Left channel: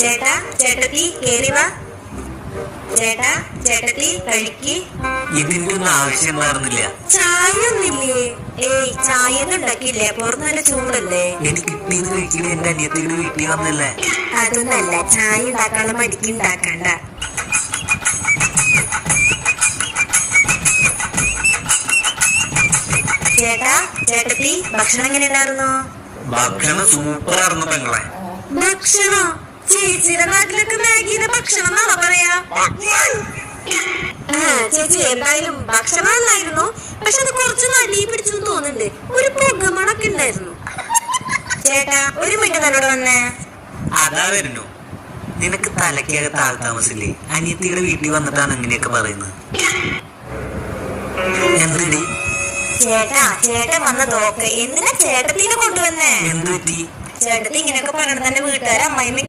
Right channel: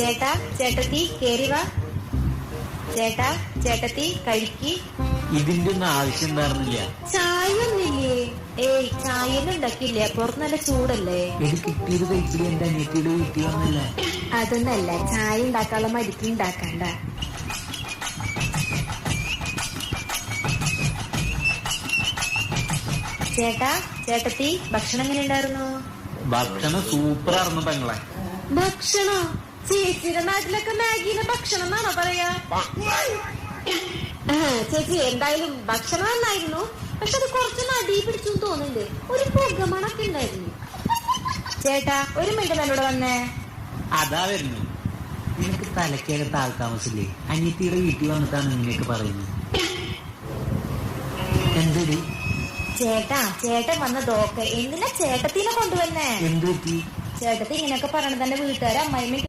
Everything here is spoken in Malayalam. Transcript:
ചേട്ടാ ചേട്ടത്തി കേറി വാ. ചേട്ടാ ചേട്ടത്തി കഴിക്ക്. ഇതിന്റെ ഒന്നും ആവശ്യം പറഞ്ഞില്ല. ചായ ഒന്നില്ലേ? ഏയ് ചായ ഉണ്ടാക്കിയില്ലേ? പുറത്ത് നല്ല ചൂടല്ലേ? എനിക്ക് കിട്ടിയത് കഴിക്കില്ല. എന്റെ അനിയത്തിയുടെ വീട്ടിൽ വന്നല്ലേ. അതൊന്നല്ല, ചായ ഉണ്ടാക്കാനുള്ള മടിക്ക് ഉണ്ടാക്കണ്ട. ചേട്ടാ ചേട്ടത്തി ഭക്ഷണം എങ്ങനെ ഉണ്ടായിരുന്നു? ഭക്ഷണം സൂപ്പർ ആയിരുന്നു പെങ്ങളെ. ഭക്ഷണോ? ചേച്ചിയുടെ നാട്ടിലൊക്കെ മാഗിയുടെ ഭക്ഷണം എന്നാണോ പറയാ? ചേച്ചി എന്തായാലും ഭക്ഷണം നന്നായിരുന്നു. പക്ഷെ അത് കുറച്ച് നടി പിടിച്ചു തോന്നുന്നുണ്ട്. ഒരു പുകമണൊക്കെ ഉണ്ടായിരുന്നു. ചേട്ടാ ഒരു മിനിറ്റ് വന്നേ. അതാ വരുന്നു. നിനക്ക് തലക്കേറെ താമസില്ലേ? അനിയത്തിയുടെ വീട്ടിൽ വന്നിട്ടാണ് ഇങ്ങനെയൊക്കെ പറയുന്നത്. എന്തടി ചേട്ടാ ചേട്ടൻ വന്നതൊക്കെ എന്തിനാ ചേട്ടത്തിനെ കൊണ്ടുവന്നേ? എന്ത് പറ്റി? ചേട്ടത്തി ഇങ്ങനെയൊക്കെ പറഞ്ഞ തന്നെ വീട്ടുകാരെ അമ്മായി